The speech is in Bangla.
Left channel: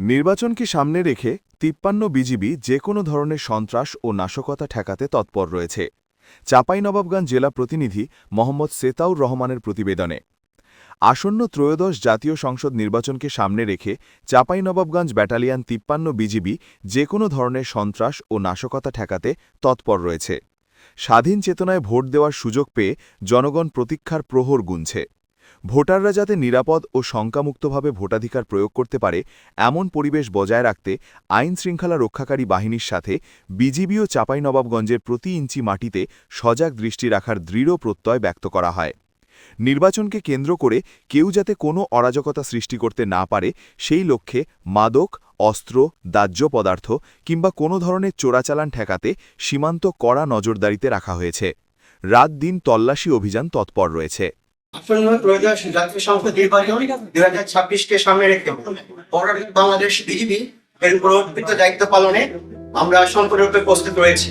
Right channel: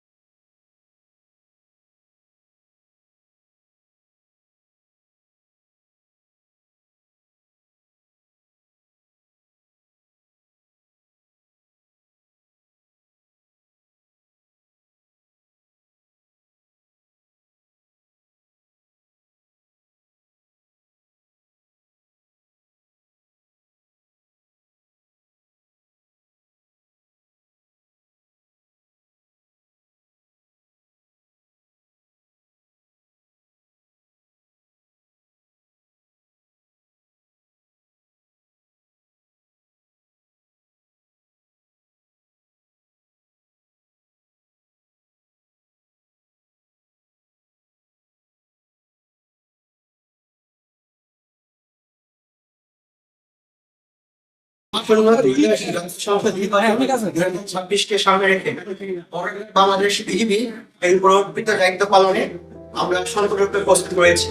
নির্বাচনকে সামনে রেখে তিপ্পান্ন বিজিবি যে কোনো ধরনের সন্ত্রাস ও নাশকতা ঠেকাতে তৎপর রয়েছে। চাঁপাইনবাবগঞ্জ জেলা প্রতিনিধি মোহাম্মদ সেতাউর রহমানের প্রতিবেদনে। আসন্ন ত্রয়োদশ জাতীয় সংসদ নির্বাচনকে সামনে রেখে চাঁপাইনবাবগঞ্জ ব্যাটালিয়ান তিপ্পান্ন বিজিবি যে কোনো ধরনের সন্ত্রাস ও নাশকতা ঠেকাতে তৎপর রয়েছে। স্বাধীন চেতনায় ভোট দেওয়ার সুযোগ পেয়ে জনগণ প্রতীক্ষার প্রহর গুনছে। ভোটাররা যাতে নিরাপদ ও শঙ্কামুক্তভাবে ভোটাধিকার প্রয়োগ করতে পারে, এমন পরিবেশ বজায় রাখতে আইন শৃঙ্খলা রক্ষাকারী বাহিনীর সাথে বিজিবি ও চাঁপাইনবাবগঞ্জের প্রতি ইঞ্চি মাটিতে সজাগ দৃষ্টি রাখার দৃঢ় প্রত্যয় ব্যক্ত করা হয়। নির্বাচনকে কেন্দ্র করে কেউ যাতে কোনো অরাজকতা সৃষ্টি করতে না পারে, সেই লক্ষ্যে মাদক, অস্ত্র, দাহ্য পদার্থ কিংবা কোনো ধরনের চোরাচালান ঠেকাতে সীমান্ত কড়া নজরদারিতে রাখা হয়েছে। রাত দিন তল্লাশি অভিযান তৎপর রয়েছে। দুই হাজার সামনে রেখে বাংলাদেশ এর উপর দায়িত্ব পালনে আমরা সম্পূর্ণরূপে প্রস্তুত রয়েছি।